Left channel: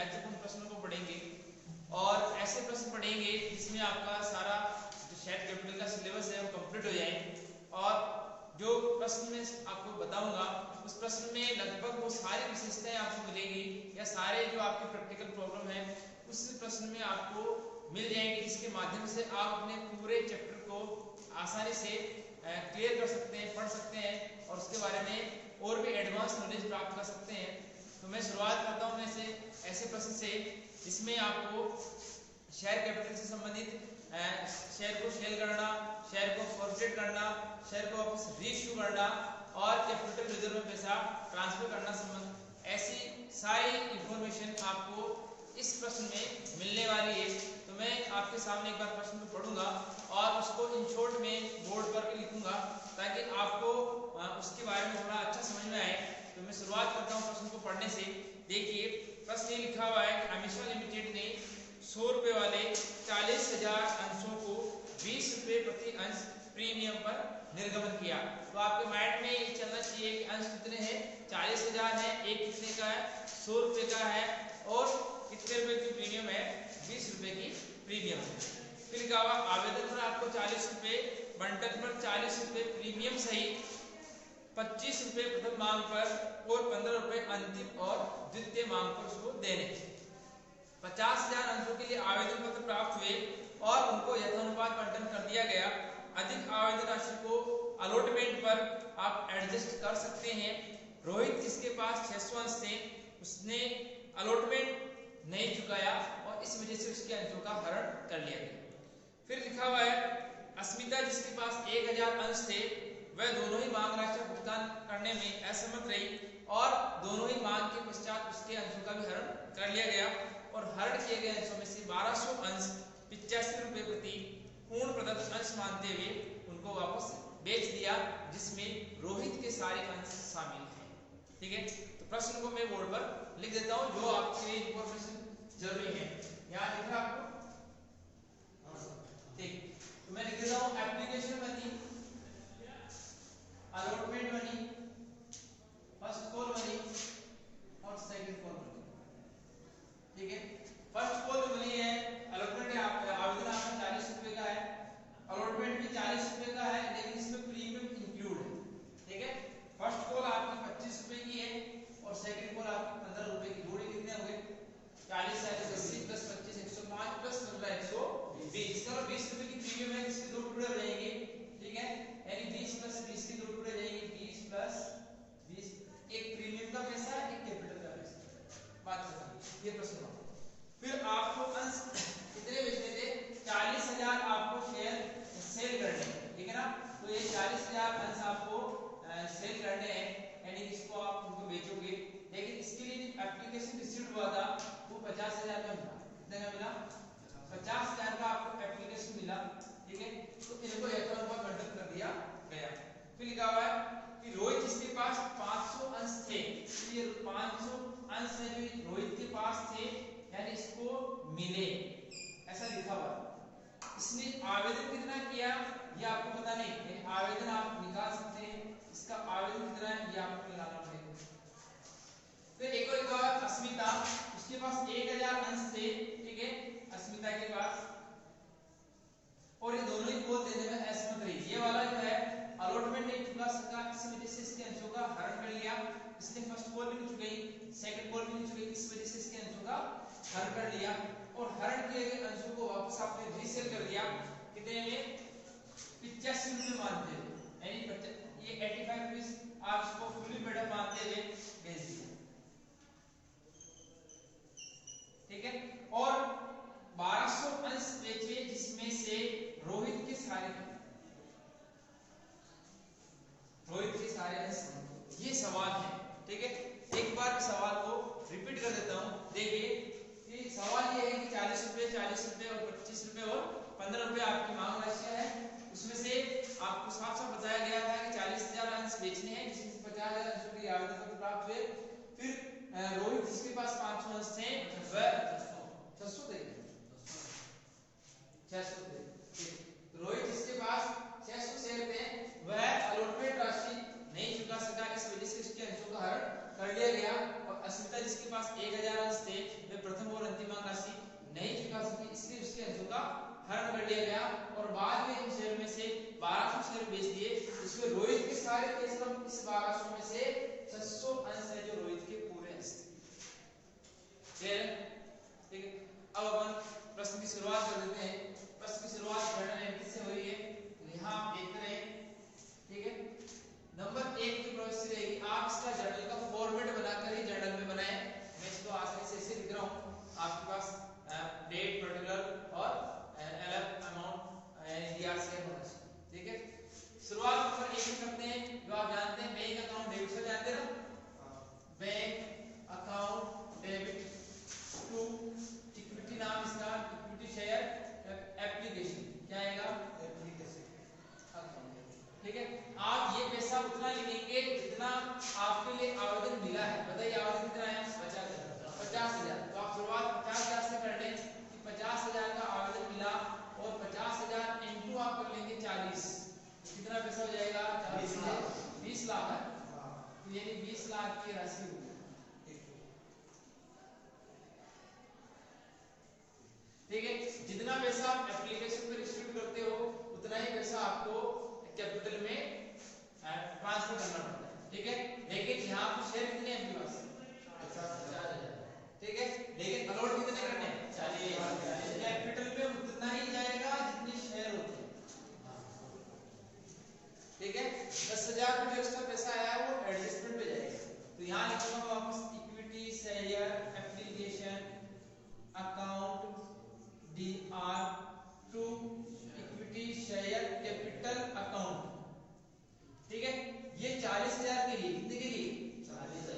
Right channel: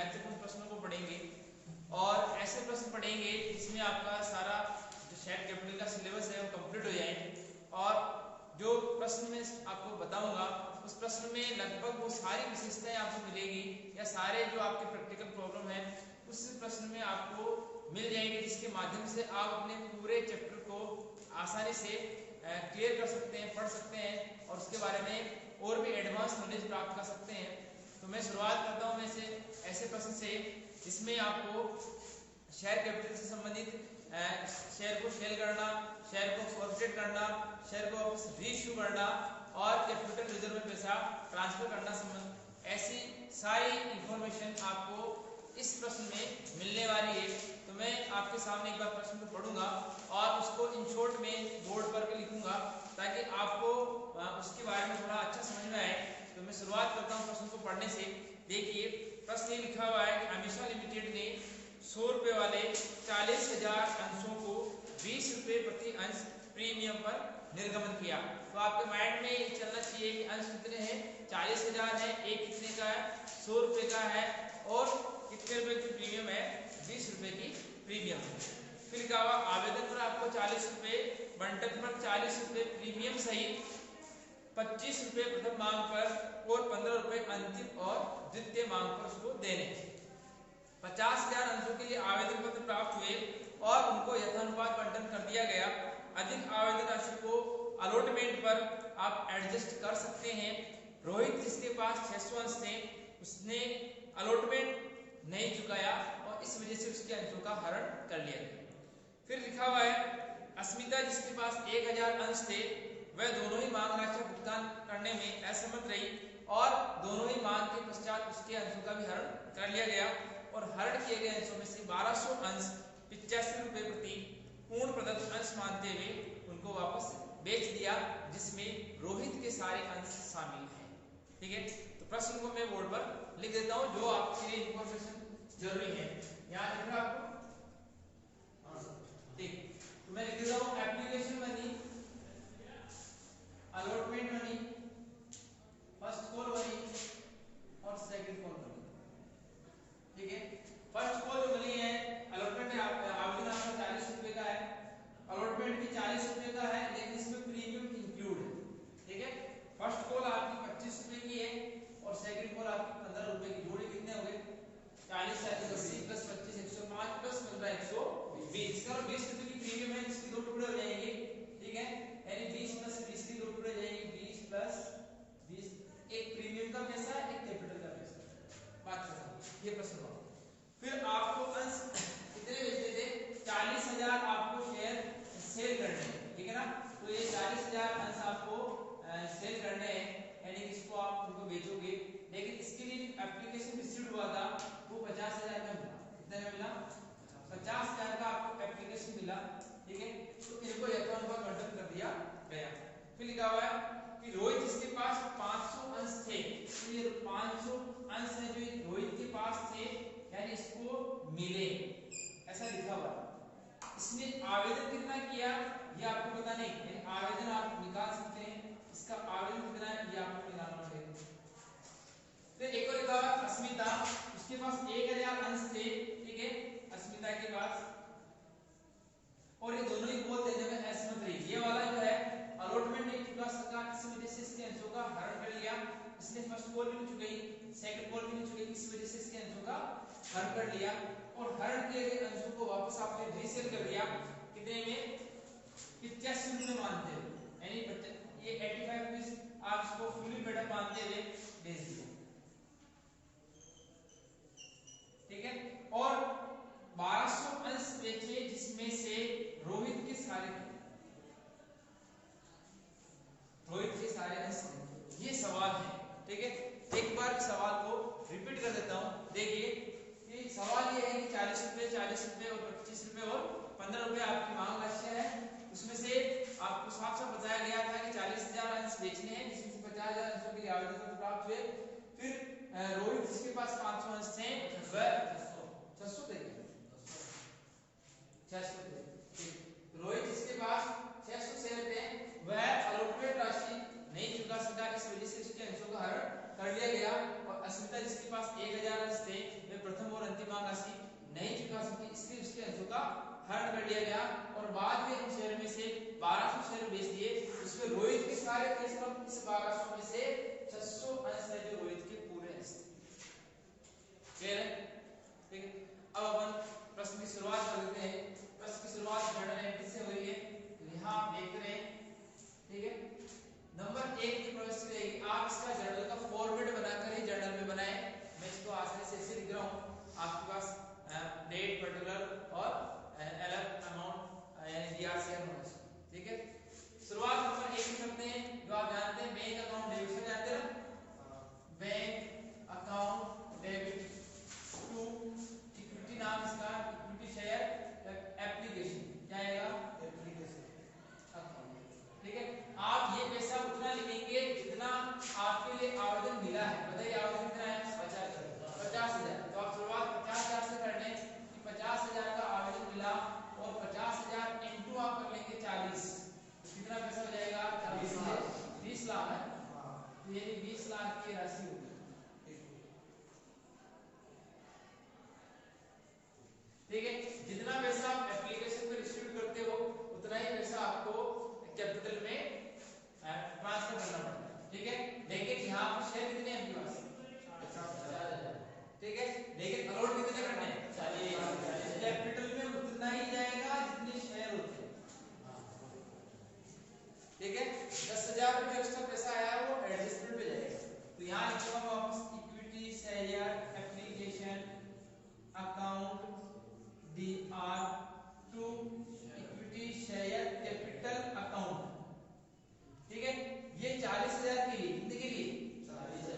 महत्वपूर्ण प्रश्नों को पढ़ेंगे और ऐसे प्रश्न पढ़ेंगे जिसमें आपका सारा जो शेयर कैपिटल का सिलेबस है वो कंप्लीट हो जाए। और जो प्रश्न मैं आपको बताऊंगा उस प्रश्न में लगभग वो सारी विशेषताएं आपको मिलेगी या सारे जो आपके प्रैक्टिकल प्रॉब्लम है उस प्रश्न में आपको मिल जाएंगे, जिसके माध्यम से आप अपने पूरे चैप्टर को आसानी से क्लियर कर सकते हैं, पढ़ सकते हैं और उसके बारे में और भी एडवांस नॉलेज प्राप्त कर सकते हैं। तो मैं शुरुआत करता हूं ऐसे प्रश्न से जिसमें आपको शेयर कैपिटल से संबंधित शेयर को सेल करना, शेयर को फॉरवर्ड करना, शेयर को वापस रीइश्यू करना और कैपिटल रिजर्व में पैसा ट्रांसफर करना संबंध ऐसी सारी इंफॉर्मेशन आपको इस प्रश्न में मिलने वाली है। तो मैं आपके सामने एक बार प्रश्न को पढ़ूंगा और उसको इन शॉर्ट में बोर्ड पर भी लिखूंगा ताकि आपको उसके बारे में थोड़ा अच्छा समझ में आए। तो मैं शुरुआत करता हूं प्रश्न को पढ़ने से। देखिए प्रश्न ये लिखा हुआ है कि अमीशा लिमिटेड ने 100 रुपए वाले 40,000 अंशों को 20 रुपए प्रति अंश प्रीमियम पर निर्गमन किया। तो आपके माइंड में ये चलना चाहिए कि अंश कितने हैं, 40,000 है, एक कितने का है, 100 रुपए का है और कितने रुपए की प्रीमियम है, 20 रुपए की प्रीमियम है। फिर लिखा हुआ आवेदन पर आपको 40 रुपए, बंटन पर 40 रुपए प्रीमियम सहित 25 रुपए प्रथम मांग पर और 15 रुपए अंतिम और द्वितीय मांग पर उसको देने। 50,000 अंशों के लिए आवेदन पत्र प्राप्त हुए और उनको यथानुपात बंटन कर दिया गया। अधिक आवेदन राशि को अलॉटमेंट पर आप एडजस्ट कर सकते हैं। रोहित जिसके पास 600 अंश थे उसने अलॉटमेंट नहीं चुकाया और इस वजह से उसके अंशों का हरण कर लिया गया। फिर लिखा हुआ है अस्मिता जिसके पास 1000 अंश थे वह दोनों ही मांग राशि का भुगतान करने में असमर्थ रही और दोनों ही मांग के पश्चात उसके अंशों का भी हरण कर लिया गया और हरण किए गए अंशों में से 1200 अंश 85 रुपए प्रति पूर्ण प्रदत्त अंश मानते हुए उनको वापस बेच दिया, जिसमें रोहित के सारे अंश शामिल हैं। ठीक है, तो प्रश्न को मैं बोर्ड पर लिख देता हूं जो आपके लिए इंफॉर्मेशन जरूरी है। यहां लिख रहा आपको, ठीक, तो मैं लिख देता हूं application money, allotment money, first call money और सेकंड कॉल मनी। ठीक है, फर्स्ट कॉल जो मनी है, अलॉटमेंट आवेदन आपका 40 रुपए का है, अलॉटमेंट भी 40 रुपए का है लेकिन इसमें प्रीमियम इंक्लूड है। ठीक है, फर्स्ट कॉल आपकी 25 रुपए की है और सेकंड कॉल आपकी 15 रुपए की। जोड़ी कितने हो गए, 40 80 प्लस 25 105 प्लस 15 120। इसका 20 रुपए की प्रीमियम है जिसके दो टुकड़े हो जाएंगे। ठीक है, यानी 20 प्लस 20 के दो टुकड़े हो जाएंगे, 20 प्लस 20। एक प्रीमियम का पैसा, एक कैपिटल का पैसा, बात खत्म। ये प्रश्न हुआ। फिर आपको अंश कितने बेचने थे, 40,000 आपको शेयर सेल करने हैं। ठीक है ना, तो ये 40,000 अंश आपको सेल करने हैं, यानी इसको आप उनको बेचोगे। लेकिन इसके लिए एप्लीकेशन रिसीव हुआ था वो 50,000 का मिला। कितने का मिला, 50,000 का आपको एप्लीकेशन मिला। ठीक है, तो इनको यथानुपात बंटन कर दिया गया। फिर लिखा हुआ है कि रोहित जिसके पास 500 अंश थे, तो ये 500 अंश है जो रोहित के पास थे यानी इसको मिले, ऐसा लिखा हुआ है। इसने आवेदन कितना किया ये आपको पता नहीं, आवेदन आप निकाल सकते हैं, इसका आवेदन कितना है ये आपको निकालना पड़ेगा। फिर एक और लिखा हुआ अस्मिता, उसके पास 1000 अंश थे। ठीक है, अस्मिता के पास, और ये दोनों ही कॉल देने में असमर्थ रही। ये वाला जो है अलॉटमेंट नहीं चुका सका, इस वजह से इसके अंशों का हरण कर लिया। इसने फर्स्ट कॉल भी नहीं चुकाई, सेकंड कॉल भी नहीं चुकाई, इस वजह से इसके अंशों का हरण कर लिया और हरण किए गए अंशों को वापस आपने रीसेल कर दिया। कितने में, 85 रुपए मानते हुए, यानी ये 85 रुपीस आप इसको फुली पेड अप मानते हुए बेच दिया। ठीक है, और 1200 अंश बेचे जिसमें से रोहित के सारे अंश। ये सवाल है। ठीक है, एक बार सवाल को रिपीट कर देता हूं। देखिए कि सवाल ये है कि 40 रुपए और 25 रुपए और 15 रुपए आपकी मांग राशि है। उसमें से आपको साफ साफ बताया गया था कि 40,000 अंश बेचने हैं जिसमें से 50,000 अंशों के लिए आवेदन पत्र प्राप्त हुए। फिर रोहित जिसके पास 500 अंश थे वह 600 थे, रोहित जिसके पास 600 शेयर थे वह अलॉटमेंट राशि नहीं चुका सका, इस वजह से उसके अंशों का हरण कर लिया गया। और अस्मिता जिसके पास 1000 अंश थे वे प्रथम राशि नहीं चुका सके, इसलिए उसके अंशों का हरण कर लिया गया और बाद में इन शेयर में से 1200 शेयर बेच दिए। इसमें रोहित के सारे केस हम इस 1200 में से 600 अंश है जो रोहित के पूरे अंश थे। ठीक है, अब अपन प्रश्न की शुरुआत कर देते हैं। प्रश्न की शुरुआत कर रहे हैं किससे हो रही है, यहाँ आप देख रहे हैं। ठीक है, नंबर 1 की प्रश्न रहेगी, आप इसका जर्नल का फॉर्मेट बनाकर ही जर्नल में बनाएं। मैं इसको आसानी से ऐसे लिख रहा हूँ, आपके पास डेट, पर्टिकुलर और अलग अमाउंट DRCM होना चाहिए। ठीक है, शुरुआत नंबर 1 में करते हैं, जो आप जानते हैं बैंक अकाउंट डेबिट से जानते हैं ना, bank account debit to equity, नाम इसका इक्विटी शेयर एप्लीकेशन, क्या आएगा, एप्लीकेशन अकाउंट। ठीक है, आप ये पैसा उतना लिखेंगे जितना आपके लिए आवेदन मिला है। बताइए आवेदन कितना है, 50,000। तो आप शुरुआत 50,000 से कर लें, 50,000 का आवेदन मिला और 50,000 इंटू आप कर लेंगे 40, तो कितना पैसा हो जाएगा, 20 लाख है। तो यानी 20 लाख की राशि होगी। ठीक है, जितना पैसा आप एप्लीकेशन में रिसीव करते हो उतना ही पैसा आपको कैपिटल में ट्रांसफर करना पड़ता है। ठीक है, लेकिन यहाँ पर शेयर कितने हैं आपके पास, 4,000। ठीक है, लेकिन अलॉट कितने करने हैं, 40। कैपिटल में उतना ही जाएगा जितने शेयर होते हैं। ठीक है, 10,000 पे जो एक्स्ट्रा पैसा आया वो एडजस्टमेंट पे जाएगा। तो यहाँ लिखूंगा वापस equity share application account DR to equity share capital account. ठीक है, ये 40,000 के लिए, कितने के लिए,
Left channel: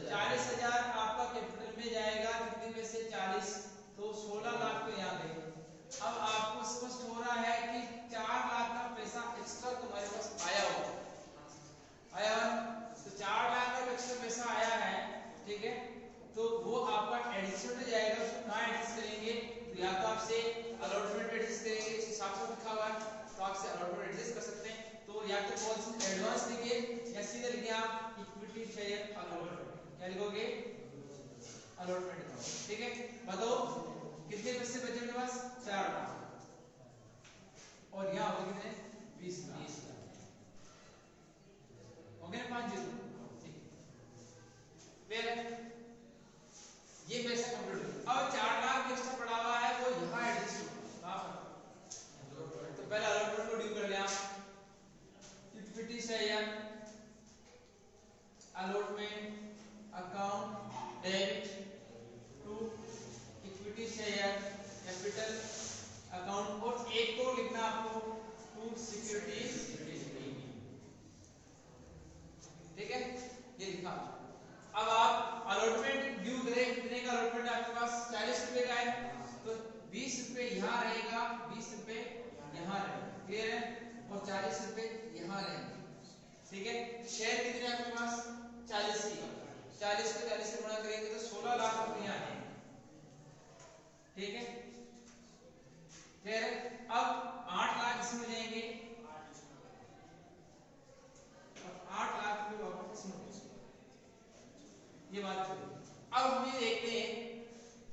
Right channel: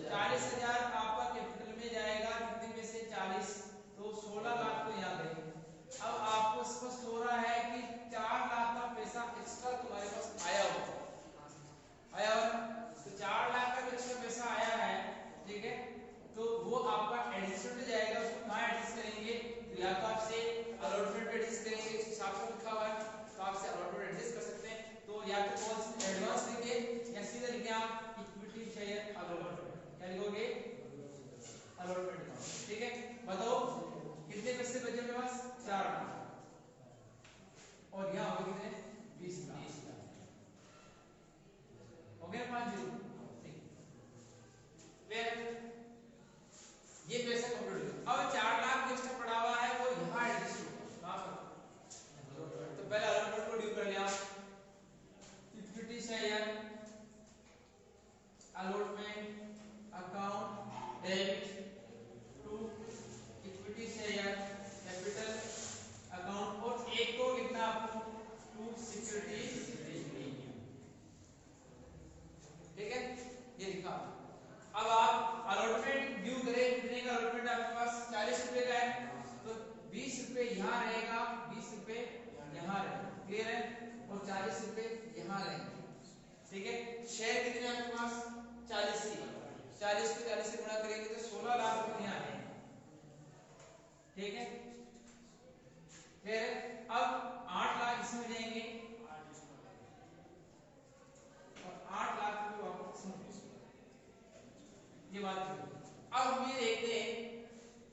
40,000 आपका कैपिटल में जाएगा, कितने में से 40, तो 16 लाख तो यहाँ गए। अब आपको स्पष्ट हो रहा है कि 4 लाख का पैसा एक्स्ट्रा तुम्हारे पास आया होगा, आया हुआ, तो 4 लाख का एक्स्ट्रा पैसा आया है। ठीक है, तो वो आपका एडजस्टमेंट में जाएगा। उसको कहाँ एडजस्ट करेंगे, तो या तो आपसे अलॉटमेंट एडजस्ट करेंगे, इस हिसाब से लिखा हुआ है तो आपसे अलॉटमेंट एडजस्ट कर सकते हैं। तो या तो कौन सी एडवांस लिखिए या सीधे लिखिए आप इक्विटी शेयर अलॉटमेंट, क्या लिखोगे, अलॉटमेंट अकाउंट। ठीक है, बताओ कितने पैसे बचे मेरे पास, 4 लाख और यहाँ हो कितने, 20 लाख हो गए, 5 ठीक। फिर ये पैसा कंप्लीट हो, अब 4 लाख जो एक्स्ट्रा पड़ा हुआ है वो यहाँ एडजस्ट होगा। तो पहले अलॉटमेंट को ड्यू कर लिया, equity share allotment account debit to equity share capital account, और एक को लिखना आपको टू सिक्योरिटीज। ठीक है, ये लिखा। अब आप अलॉटमेंट ड्यू करें, कितने का अलॉटमेंट आपके पास, 40 रुपए का है, तो 20 रुपए यहाँ रहेगा, 20 रुपए यहाँ रहेगा, क्लियर है, और 40 रुपए यहाँ रहेंगे। ठीक है, शेयर कितने आपके पास, 40 ही, 40 को 40 से गुणा करेंगे तो 16 लाख रुपए यहाँ आएंगे। ठीक है, फिर अब 8 लाख इसमें जाएंगे और 8 लाख रुपए वापस इसमें, ये बात चलो। अब हम ये देखते हैं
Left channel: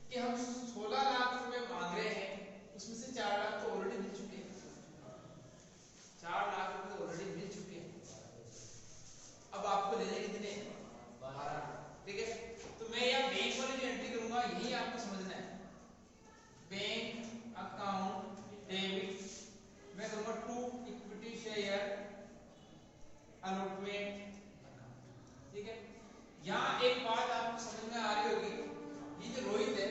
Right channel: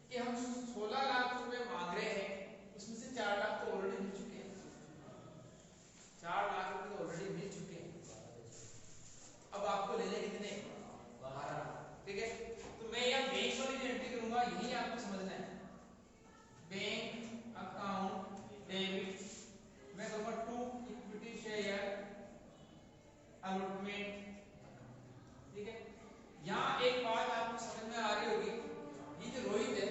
कि हम 16 लाख रुपए मांग रहे हैं, उसमें से 4 लाख तो ऑलरेडी मिल चुके हैं, 4 लाख रुपए तो ऑलरेडी मिल चुके हैं। अब आपको लेने कितने, 12। ठीक है, तो मैं यहाँ बैंक वाली जो एंट्री करूंगा यही आपको समझना है, बैंक अकाउंट डेबिट मैं करूंगा टू इक्विटी शेयर अलॉटमेंट। ठीक है, यहाँ एक बात आपको समझ में आ रही होगी, ये जो रोहित है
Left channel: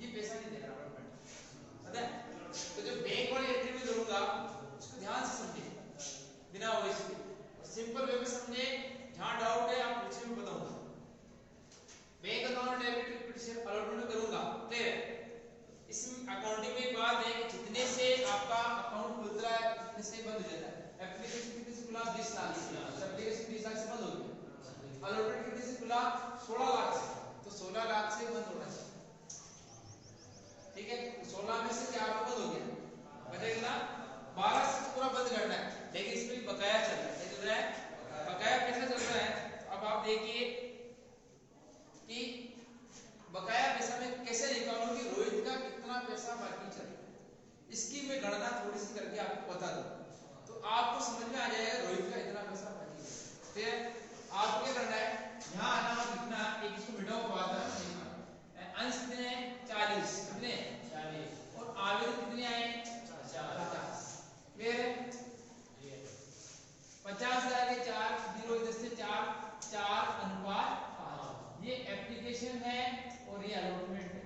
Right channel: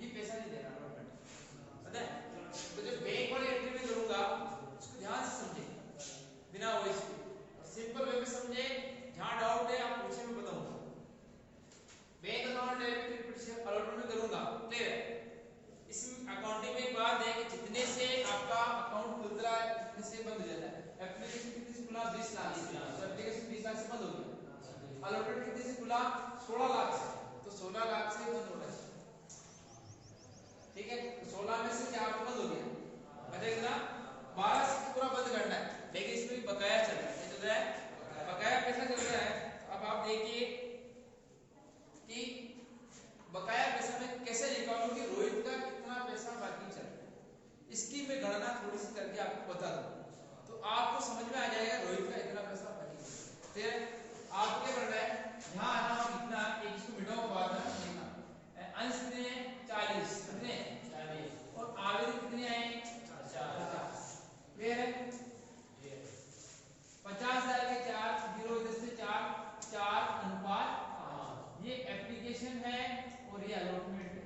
ये पैसा नहीं दे रहा अलॉटमेंट, पता है, तो जब बैंक वाली एंट्री में करूंगा उसको ध्यान से समझे बिना वॉइस के, सिंपल वे में समझे, जहां डाउट है आप पूछे, मैं बताऊंगा। Bank account debit equity share allotment करूंगा, ठीक है, इस अकाउंटिंग में एक बात है कि जितने से आपका अकाउंट खुलता है उतने से बंद हो जाता है। एप्लीकेशन कितने से खुला, 20 लाख से, एप्लीकेशन 20 लाख से बंद हो गया। अलॉटमेंट कितने से खुला, 16 लाख से, तो 16 लाख से बंद होना चाहिए। ठीक है, 16 में से 4 बंद हो गया, बचेगा 12 से पूरा बंद करना है, लेकिन इसमें भी बकाया चल रहा है, क्या चल रहा है, बकाया पैसा चल रहा है। अब आप देखिए कि बकाया पैसा में कैसे निकालूं कि रोहित का इसकी मैं गणना थोड़ी सी करके आपको बता दूं तो आपको समझ में आ जाएगा रोहित का इतना पैसा बच गया। ठीक है, आपको क्या करना है, यहाँ आना और लिखना, एक इसको मिटाओ बाद में लिखना, अंश कितने हैं 40, कितने 40 और आवेदन कितने आए 50। क्लियर है, 50,000 के 4 जीरो इधर से 4 अनुपात, ये एप्लीकेशन है और ये अलॉटमेंट है।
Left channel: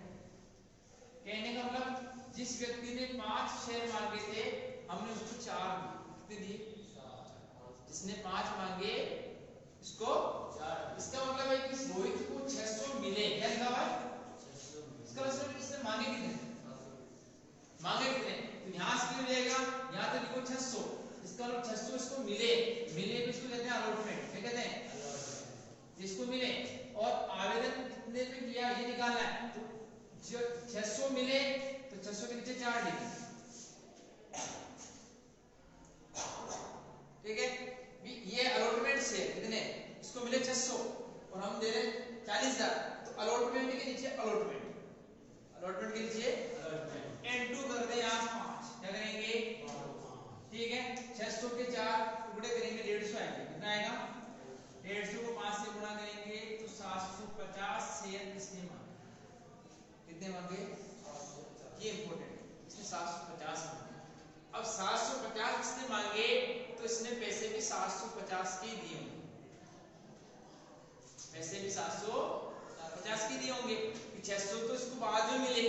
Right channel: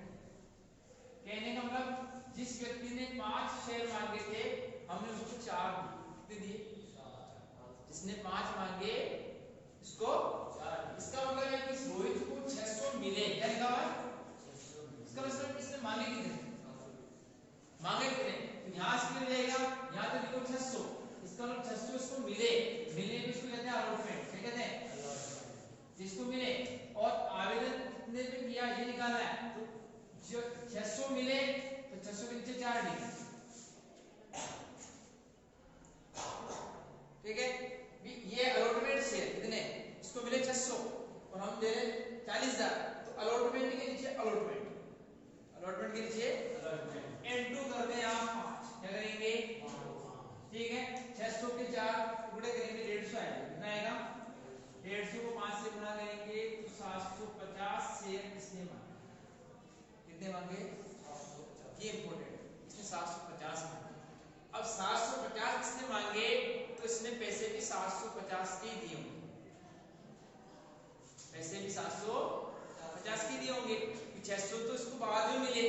कहने का मतलब जिस व्यक्ति ने 5 शेयर मांगे थे हमने उसको 4 दिए, कितने दिए, जिसने 5 मांगे इसको 4। इसका मतलब है कि रोहित को 600 मिले, क्या लिखा हुआ है 600। इसका मतलब इसने मांगे कितने, मांगे कितने, तो यहां से क्यों रहेगा, यहां तो लिखो 600, इसका मतलब 600 इसको मिले, मिलने पे इसको कहते हैं अलॉटमेंट, क्या कहते हैं अलॉटमेंट, जिसको मिले। और आवेदन कितने पे किया ये निकालना है, तो जो 600 मिले तो 600 के नीचे 4 डी, ठीक है, ये अलॉटमेंट शेयर कितने, इसको मिले 600 और हम दे रहे 40,000, तो अलॉटमेंट के नीचे अलॉटमेंट, अलॉटमेंट के नीचे अलॉटमेंट n2 कर दे यहां 5, क्या करेंगे 5, ठीक है, 600 के 4 टुकड़े करेंगे 150 आएगा, कितना आएगा 150 को 5 से गुणा करेंगे तो 750 शेयर किसने मांगे, कितने मांगे, ये इंपॉर्टेंट, इसने 750 मांगे। अब 750 किसने मांगे तो इसने पैसे भी 750 के दिए होंगे, पैसे भी 750 के दिए होंगे, 600 तो इसको बाद में मिले,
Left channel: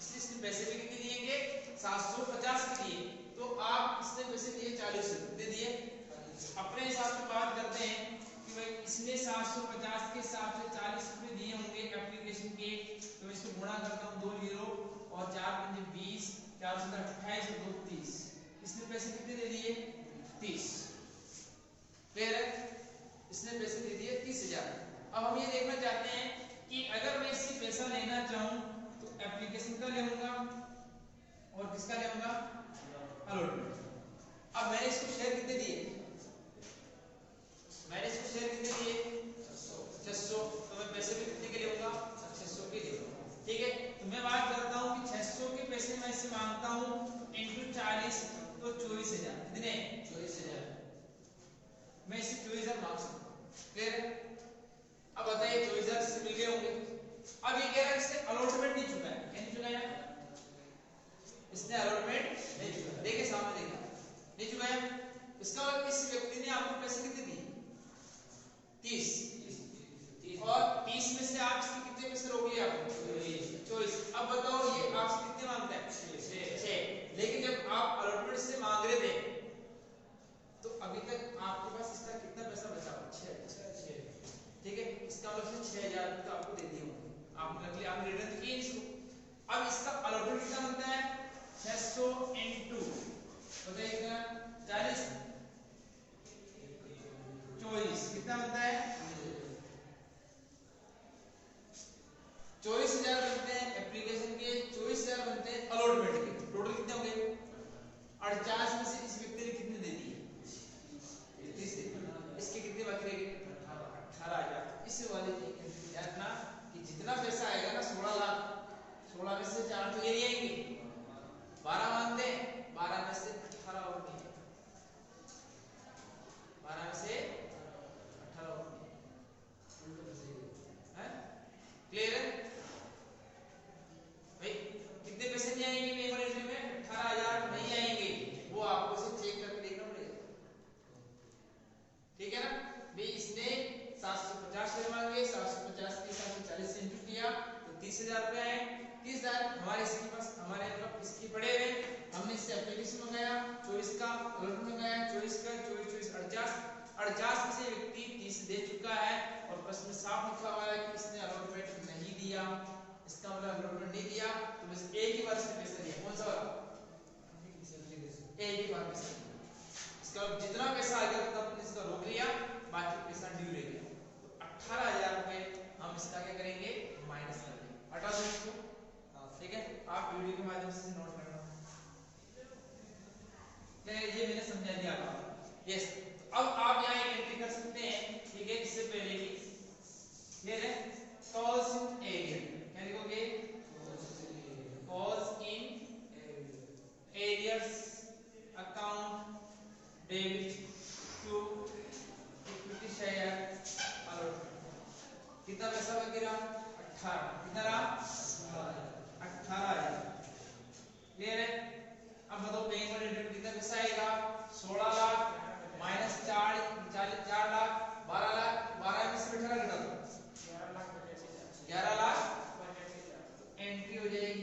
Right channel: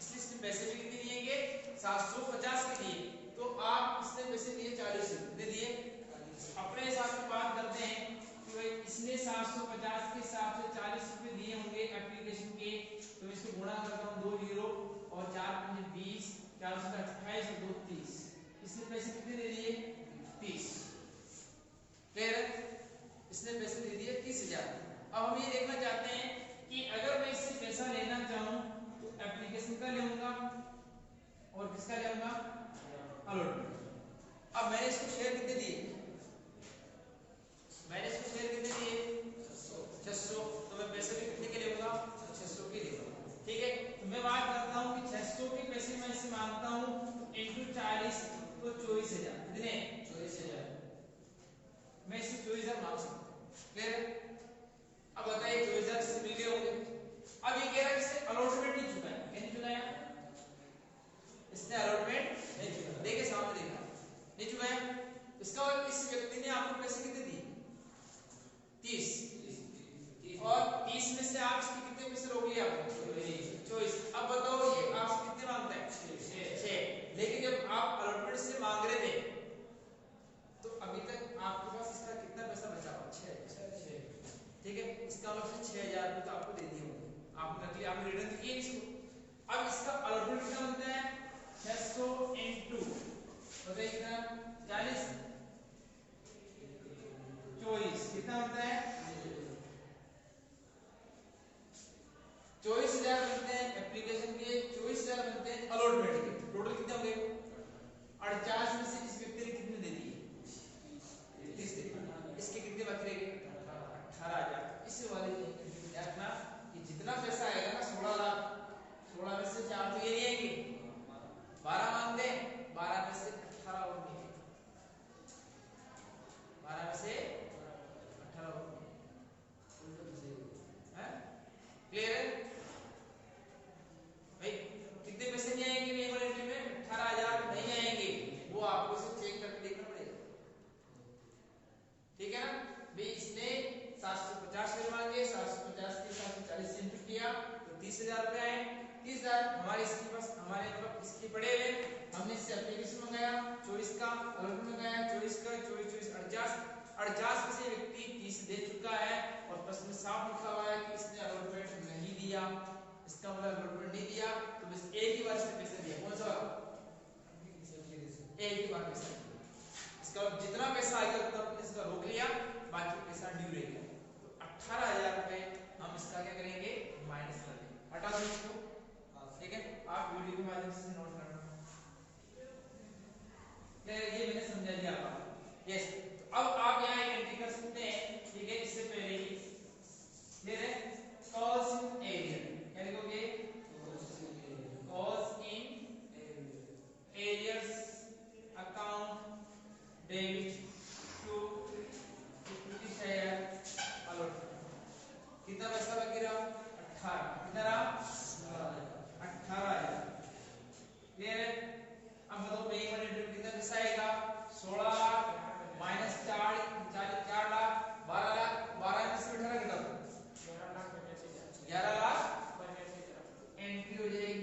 इसलिए इसने पैसे भी कितने दिएंगे 750 के दिए, तो आप इसने पैसे दिए 40 कितने दिए, अपने हिसाब से बात करते हैं कि भाई इसने 750 के हिसाब से 40 रुपए दिए होंगे एप्लीकेशन के, तो इसको गुणा करता हूं 2 जीरो और 4 पंजे 20, 4 से 28 और 2 30, इसने पैसे कितने दे दिए 30, फिर इसने पैसे दे दिए 30,000। अब हम ये देखना चाहते हैं कि अगर मैं इससे पैसा लेना चाहूं तो एप्लीकेशन का लेऊंगा और किसका लेऊंगा अलॉटमेंट। अब मैंने इसको शेयर कितने दिए, मैंने इसको शेयर कितने दिए 600, तो मैं पैसे भी कितने के लेऊंगा 600 के लेऊंगा, ठीक है। तो मैं बात करता हूं कि 600 के पैसे मैं इससे मांगता हूं इनटू 40 तो 24,000, कितने 24,000, मैं इससे 24,000 मांग सकता हूं, फिर अब बताइए 24,000 से मिल गए होंगे। अब ये कह रहा है इससे अलॉटमेंट नहीं चुका है, क्या नहीं चुका है, इसने अलॉटमेंट नहीं चुका, देखिए सामने देखा नहीं चुका है, इसका मतलब इस व्यक्ति ने आपको पैसे कितने दिए 30, और 30 में से आप इसके कितने पैसे रोक लिए आपने 24। अब बताओ ये आपसे कितने मांगता है 6, लेकिन जब आप अलॉटमेंट से मांग रहे थे तो अभी तक आपके पास इसका कितना पैसा बचा हुआ 6, ठीक है, इसका मतलब 6,000 रुपए तो आपको दे दिए होंगे, आपने रख लिया, आपने रिटर्न किए इसको। अब इसका अलॉटमेंट कितना बनता है 600 into बताइए कितना 40 24 कितना बनता है 24,000 बनते हैं एप्लीकेशन के, 24,000 बनते हैं अलॉटमेंट के, टोटल कितने होंगे 48 में से इस व्यक्ति ने कितने दे दिए 30 दे दिए, इसके कितने बाकी रह गए 18,000। इस वाले क्या रखना कि जितना पैसा आएगा ना 16 लाख, 16 में से 4 तो ये ले आएंगे, 12 मांगते हैं, 12 में से 18 और नहीं, 12 में से 18 और है, क्लियर है भाई, कितने पैसे नहीं आएंगे ये वाले एंट्री में 18,000 नहीं आएंगे, वो आपको सिर्फ चेक करके देखना पड़ेगा, ठीक है ना भाई। इसने 750 शेयर मांगे, 750 के हिसाब से 40 से इंटू किया तो 30,000 रुपए आए, 30,000 हमारे इसके पास, हमारे मतलब इसके पड़े हुए, हमने इससे एप्लीकेशन मंगाया 24 का, अलॉटमेंट मंगाया 24 का, 24 48 में से व्यक्ति 30 दे चुका है और प्रश्न में साफ लिखा हुआ है कि इसने अलॉटमेंट नहीं दिया, इसका मतलब अलॉटमेंट नहीं दिया तो बस एक ही बार इसने पैसे दिया, कौन सा वाला एक ही बार पैसा दिया, इसका जितना पैसा आएगा तब इसका रोक लिया, बाकी पैसा ड्यू रह गया, तो 18,000 रुपए हम इसका क्या करेंगे माइनस कर देंगे, हटा दो इसको, ठीक है। आप वीडियो के माध्यम से नोट करना, ये मैंने समझा दिया आपको, यस। तो अब आप यहाँ एक एंट्री कर सकते हैं, ठीक है, इससे पहले ही ये है कॉज इन एरिया, क्या लिखोगे कॉज इन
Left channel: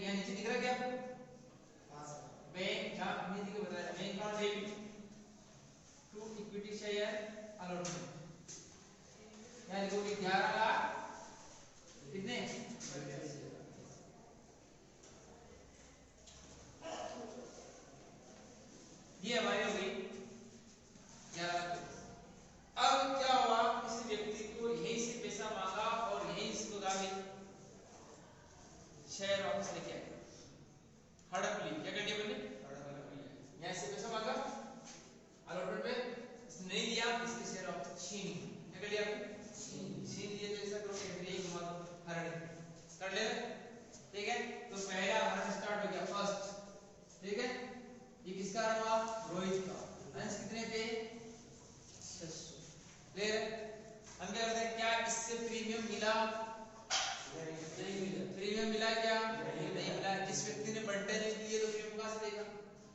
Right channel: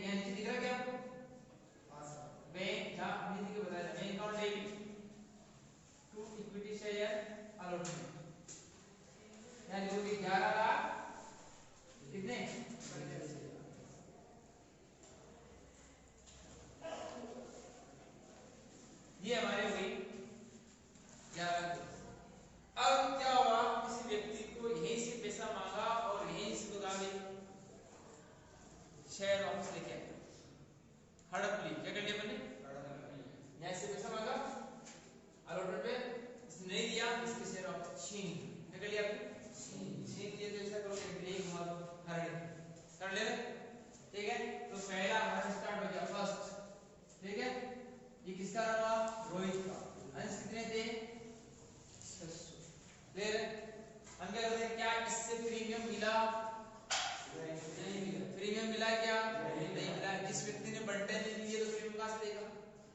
यहाँ नीचे दिख रहा है क्या आपको? बैंक जहाँ हिंदी के बताया bank account debit to equity share allotment, यहाँ देखोगे 11 लाख कितने, ये हमारी हो गई 11 लाख। अब क्या हुआ, किसी व्यक्ति को यहीं से पैसा मांगा और यहीं से शेयर वापस लेके आए, हड़प ली, क्या कर दिया मैंने, यहाँ से पैसा मांगा अलॉटमेंट पे, इसने नहीं दिया, इसके शेयर वापस छीन, क्या कर लिया आपने, छीन दिए। तो ऐसा करोगे यही घुमा दो, हरण कर ले, ठीक है। तो पहला हरण स्टार्ट हो गया, फर्स्ट, ठीक है। ये किसका हुआ, रोहित का, अंश कितने थे, 600, क्लियर है। हम क्या करते हैं, क्या इससे प्रीमियम मिला, नहीं मिला, प्रीमियम मिला क्या, नहीं मिला। जिस व्यक्ति ने बंटे नहीं लिए तो प्रीमियम कहां से देगा,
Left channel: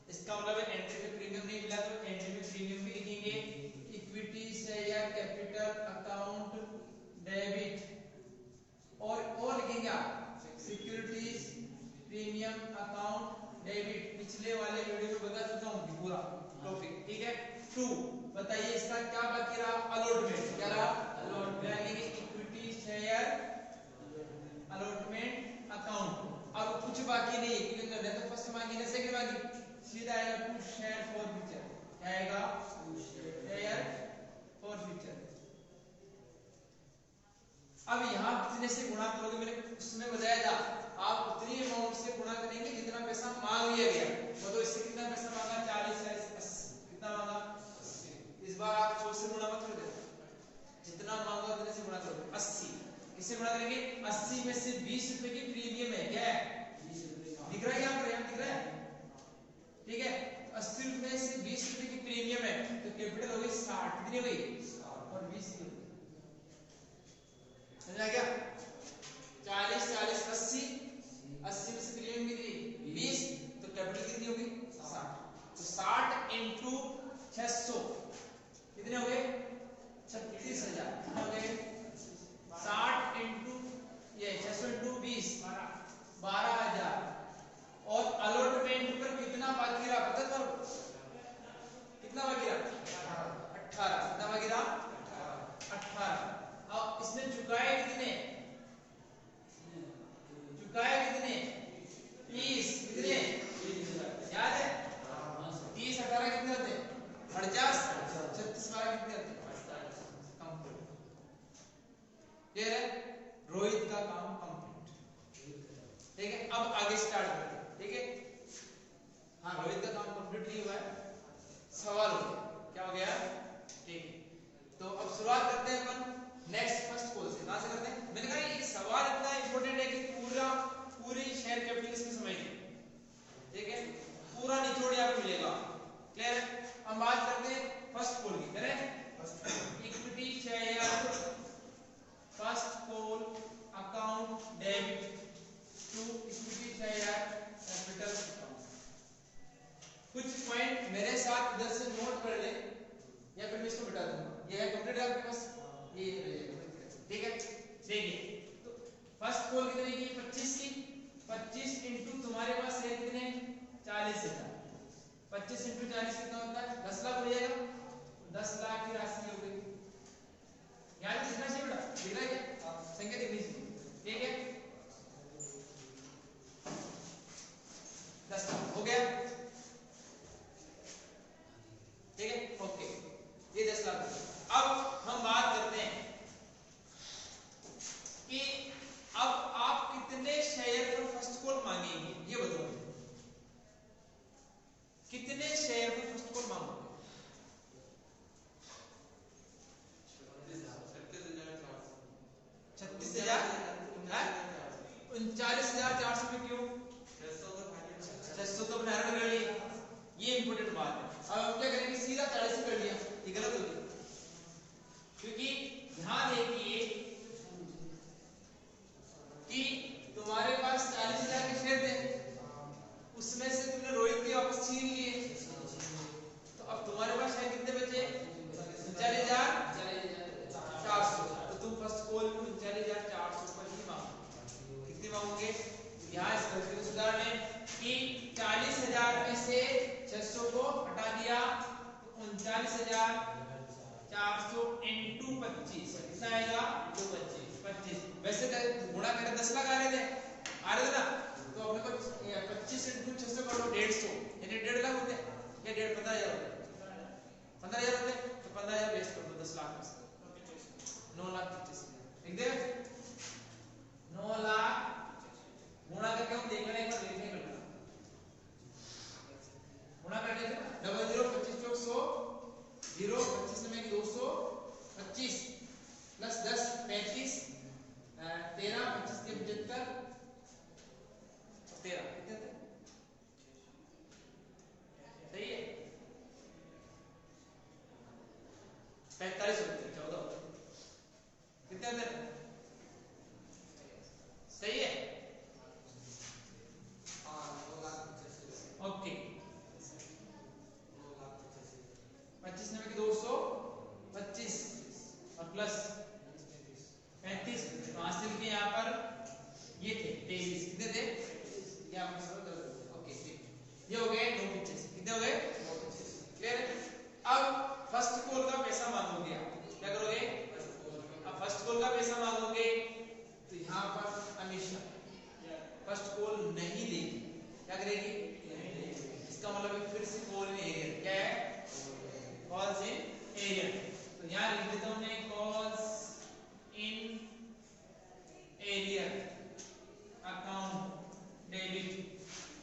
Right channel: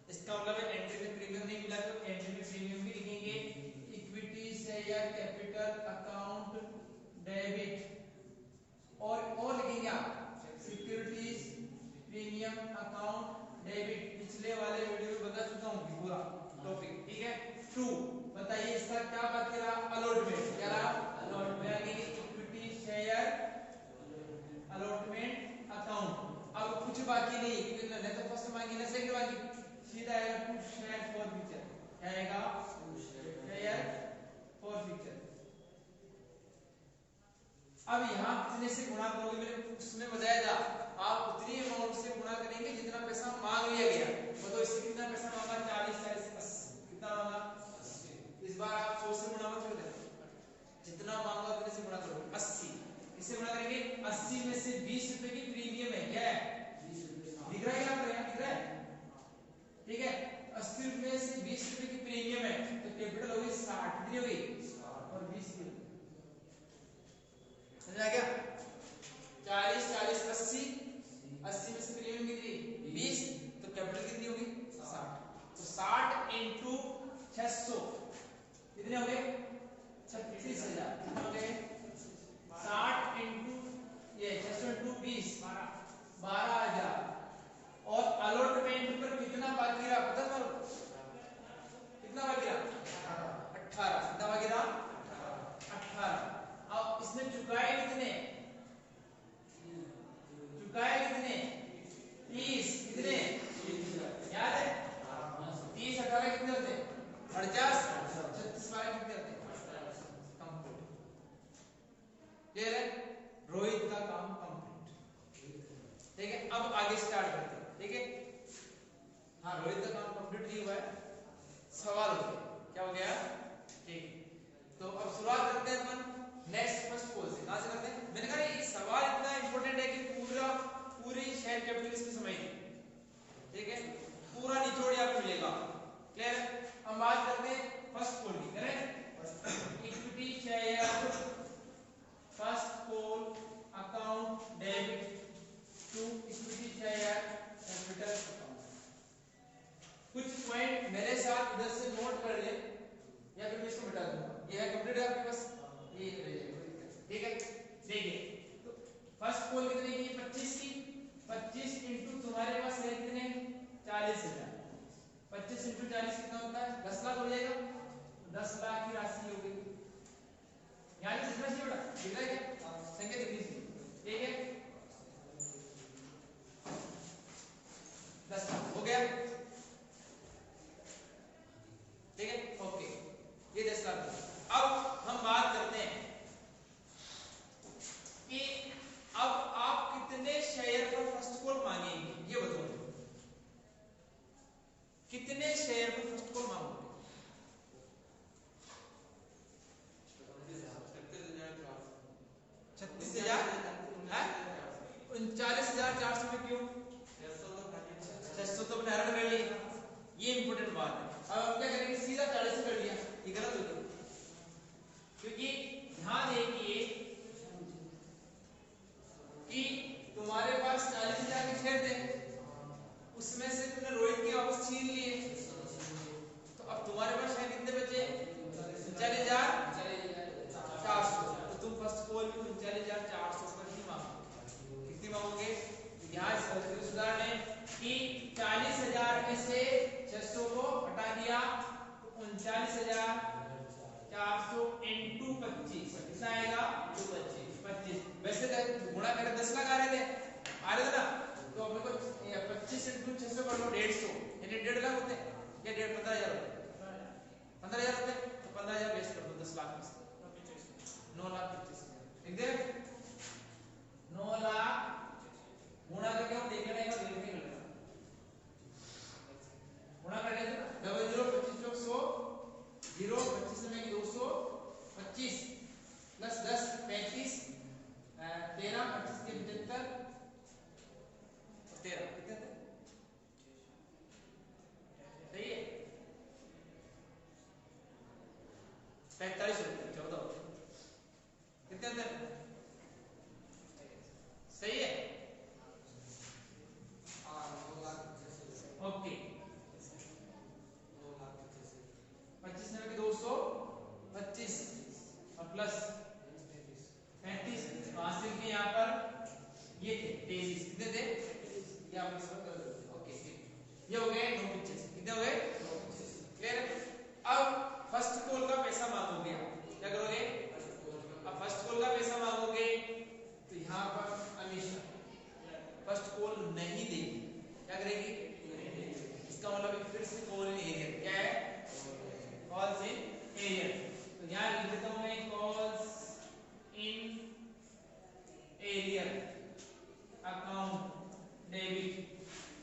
इसका मतलब है एंट्री में प्रीमियम नहीं मिला तो एंट्री में प्रीमियम भी लिखेंगे। Equity share capital account debit और लिखेंगे आप सिक्योरिटीज प्रीमियम अकाउंट डेबिट। पिछले वाले वीडियो में बता चुका हूं कि पूरा टॉपिक, ठीक है। 2 बताइए इसका क्या बाकी रहा, अलॉटमेंट, क्या रहा, allotment, equity share allotment account. अब कुछ बाकी नहीं है क्योंकि न तो फर्स्ट मांगी ना सेकंड मांगी, सीधा आएगा टू शेयर फॉर फ्यूचर, क्या आएगा, टू शेयर फॉर फ्यूचर। अब यहां कितने से गुणा करोगे, मैंने उसमें बताया था आप उतनी अमाउंट से गुणा करेंगे जितना पैसा मांग लिया गया। तो इससे कितना पैसा मांगा, 40 40 80, कितना मांगा 80। इस बार आप 100 से गुणा मत कर देना, जितना मांगा उतने से गुणा करोगे, 80। इससे गुणा करेंगे, 80 में से 20 रुपए की प्रीमियम है, क्या है, 20 रुपए दिख रहा है यहाँ पर, यहाँ दिख रहा है, ठीक है। 80 में से 20 रुपए की प्रीमियम है तो कैपिटल हो गई 60, कितनी हो गई, और 20 की, समझ आ गया। 40 40 80, 80 में से प्रीमियम कितनी 20, तो कैपिटल कितनी होगी 60। तो 60 इंटू 600 कितने हो गए, 36,000, कितना हो गए, 60 इंटू ये 600 इंटू 20 12,000। और अलॉटमेंट पर कितना बाकी रहा पता तुम्हारे, कितना बाकी रहा, 18, कितना बाकी रहा, 18। अब इसने चुकाए कितने, चुकाए कितने, 30, कितने याद है, 30 18 कितने होते हैं, 50, 36 12 कितने होते हैं, कंप्लीट, क्लियर है। रोहित का काम कंप्लीट, ठीक है। अब आगे स्टार्ट करते हैं, ठीक है। हाँ, रोहित का काम कंप्लीट नहीं हुआ है, सवाल हो गया, क्या हो गया, ठीक है। तो अब शुरुआत करते हैं अपन नेक्स्ट फर्स्ट कॉल से, कहां से करते हैं, मैंने कहा ये सवाल इतना इंपॉर्टेंट है कि पूरी शेयर कैपिटल इसमें समझिए, ठीक है, पूरा निचोड़ आपको मिलेगा, क्लियर। हम बात करते हैं फर्स्ट कॉल की, करें equity share first call account debit to equity share capital account. कुछ पॉइंट मेरे साथ इधर से नोट कर ले या फिर मैं इसको मिटा दूंगा, ये है कंप्लीट है आपके पास, ये ठीक है। देखिए तो फर्स्ट कॉल कितने की, 25 की, 25 इंटू तुम्हारे पास है कितने 40,000, 25 इंटू 40 कितना होता है, 10 लाख हो जाएगा, 10 लाख की राशि हो गई। यहाँ दिखना चाहिए बेटा, दिख रहा है क्या, संख्या दिखनी चाहिए, ठीक है। 10 लाख हो गया, ठीक है, ओके, ये 10 लाख। अब हम बात करते हैं कि अब आप कितने शेयर पर फर्स्ट कॉल मांगेंगे, ये बताओ, कितने शेयर पर फर्स्ट कॉल मांगोगे, 36,000, 39,400 में क्यों, 600 तो अपने हरण कर लिए, ये इंपॉर्टेंट बात है। अब हम क्या करेंगे, सीधा 40 कर लिया, ये गलत हो गया, क्योंकि ध्यान देखिए कि तुम्हारे पास 40,000 के शेयर थे, उसमें से तुमने रोहित के वापस छीन लिए, तो अब तुम्हारे पास शेयर कितने बचे, 39,400। तो तुम फर्स्ट कॉल को 39,400 पर ही मांगो, कितनी मांगोगे, यहाँ इस गलती को सुधार कि 40,000 में से 600 को हटा दिया तो 39,400 इंटू 25 कितना आएगा? 25। वैसे गुणा करें 10 लाख आ रहे थे ना, तो अपने को 25 इंटू 600 कर लो 150, यानी 1.5 लाख होते हैं या 15,000 होते हैं, 15,000 होते हैं, तो 15,000 वेस्ट कर दो 10 लाख में से 9,25,000 लिख दे। 9 लाख गुणा करके हम देख लेंगे, एक बार देखने मिल जाएगा गुणा कर लेते हैं। डबल 0 25 चौक 100 0 25 में 200 25 प्लस 10 35 13 25 के 75 और 13 कितने थे? सही है 45 होते हैं 14 कितने होते हैं? सही है ओके 25 में 225 और प्लस 35 तो हासिल के यहाँ पर ये थे 23 कितने थे यहाँ पर ओके ये हो गए 985 कितने हो गए? क्लियर है। अब फर्स्ट कॉल का पैसा मांगोगे आप क्या करोगे? अब फर्स्ट कॉल का पैसा मांगोगे तो यहाँ पर हमेशा फर्स्ट कॉल नहीं देगी, क्या करेगी? इसका मतलब फिर से कॉल इन एरियर क्या है? Calls in arrear. तो यहाँ लिख देता हूँ मैं calls in arrear account debit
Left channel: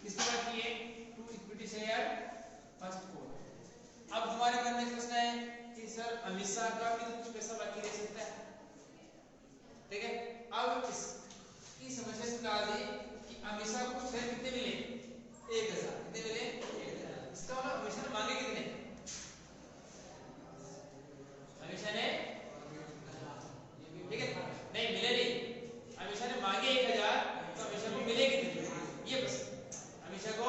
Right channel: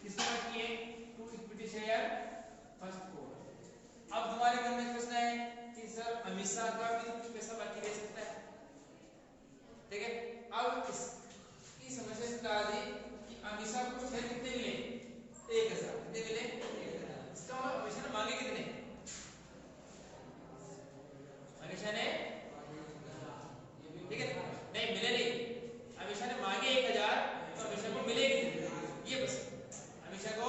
किसको बाकी है? To equity share first call. अब तुम्हारे मन में प्रश्न है कि सर अमीषा का भी तो कुछ पैसा बाकी रह सकता है, ठीक है। अब इसकी समस्या से बता दी कि अमीषा को शेयर कितने मिले? 1,000 कितने मिले? 1,000। इसका मतलब अमीषा ने मांगे कितने? अमीषा ने ठीक है नहीं मिले नहीं, अमीषा ने मांगे 1,000 तो अमीषा को मिले कितने? ये बस अमीषा को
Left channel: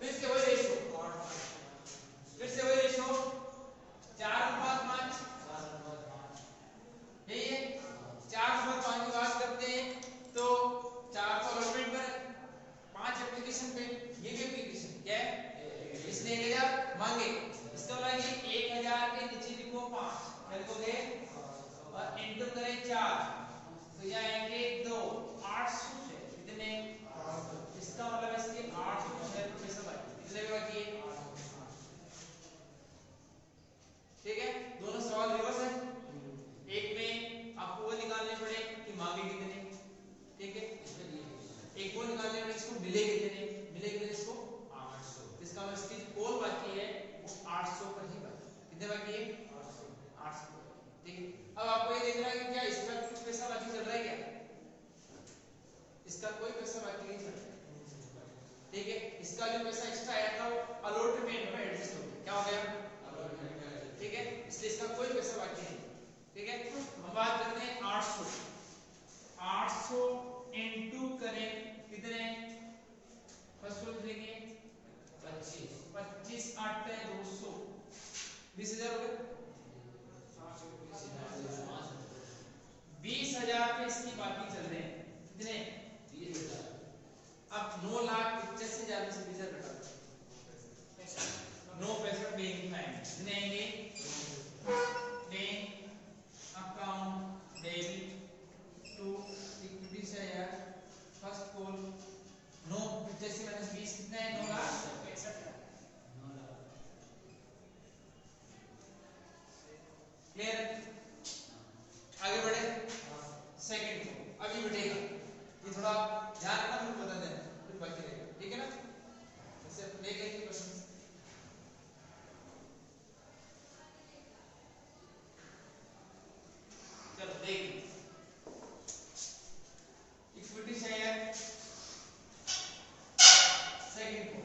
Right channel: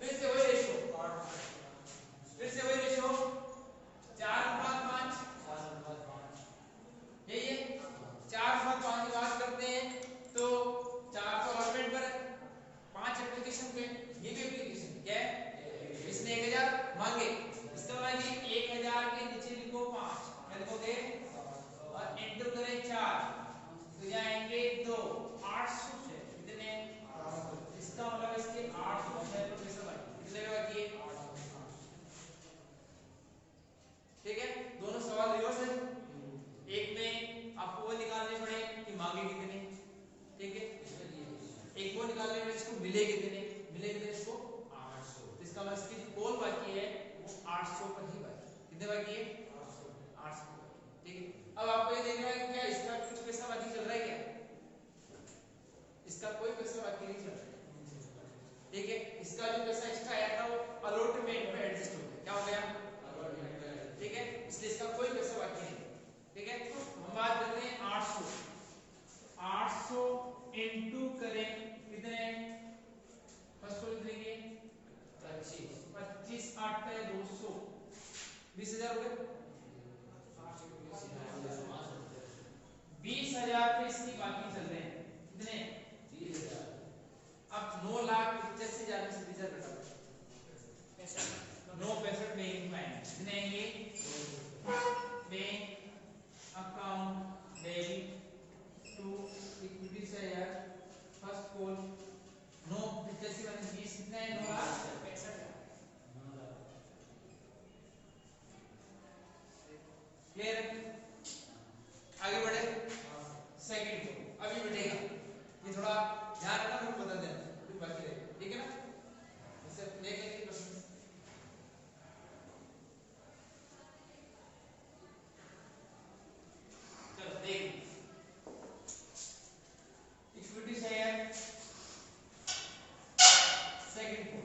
फिर से वही रेशियो 4:5 यही है 4:5 की बात करते हैं तो 4 को अलॉटमेंट पर 5 एप्लीकेशन पे ये भी एप्लीकेशन क्या है? इसने 1,000 मांगे, इसका मतलब कि 1,000 के नीचे लिखो 5 लिखोगे और इंटू करें 4 तो जाएंगे 2 800 से कितने? इसका मतलब इसके 800 से पैसा बाकी कितने बाकी है? ठीक है दोनों सवाल रिवर्स है। एक में आपको वो निकालने पड़े कि मांगे कितने, ठीक है एक वो निकालने पड़े इसको मिले कितने इसको 800, इसका मतलब इसकी कॉल बाकी है वो 800 पर ही बाकी कितने बाकी है? 800 ठीक है। अब आपको ये देखना है कि क्या इसका कुछ पैसा बाकी चल रहा है क्या? इसका कोई पैसा बाकी नहीं चल रहा, ठीक है। इसका जो पैसा एक्स्ट्रा आया था वो अलॉटमेंट में एडजस्ट हो गया, क्या हो गया? ठीक है इसलिए इसका कोई पैसा बाकी नहीं, ठीक है। हम बात कर रहे हैं 800 इंटू करें कितने? फर्स्ट को लिखेंगे 25 8 200 20,000 हो गए। 20,000 पे इसकी बाकी चल रहे हैं कितने? 20,000। अब 9,85,000 में से 20,000 घटा दो 965 बैंक में आएंगे कितने आएंगे? Bank account debit to equity share first call 985 minus 20 कितना है? 9,65,000 क्लियर है। आगे बढ़े सेकंड को अभी बैठेगा ये थोड़ा ध्यान रखना फिर बता देना फिर बाकी रहेगा, ठीक है ना। इससे लेके क्वेश्चन चलो देख इक्विटी शेयर सेकंड को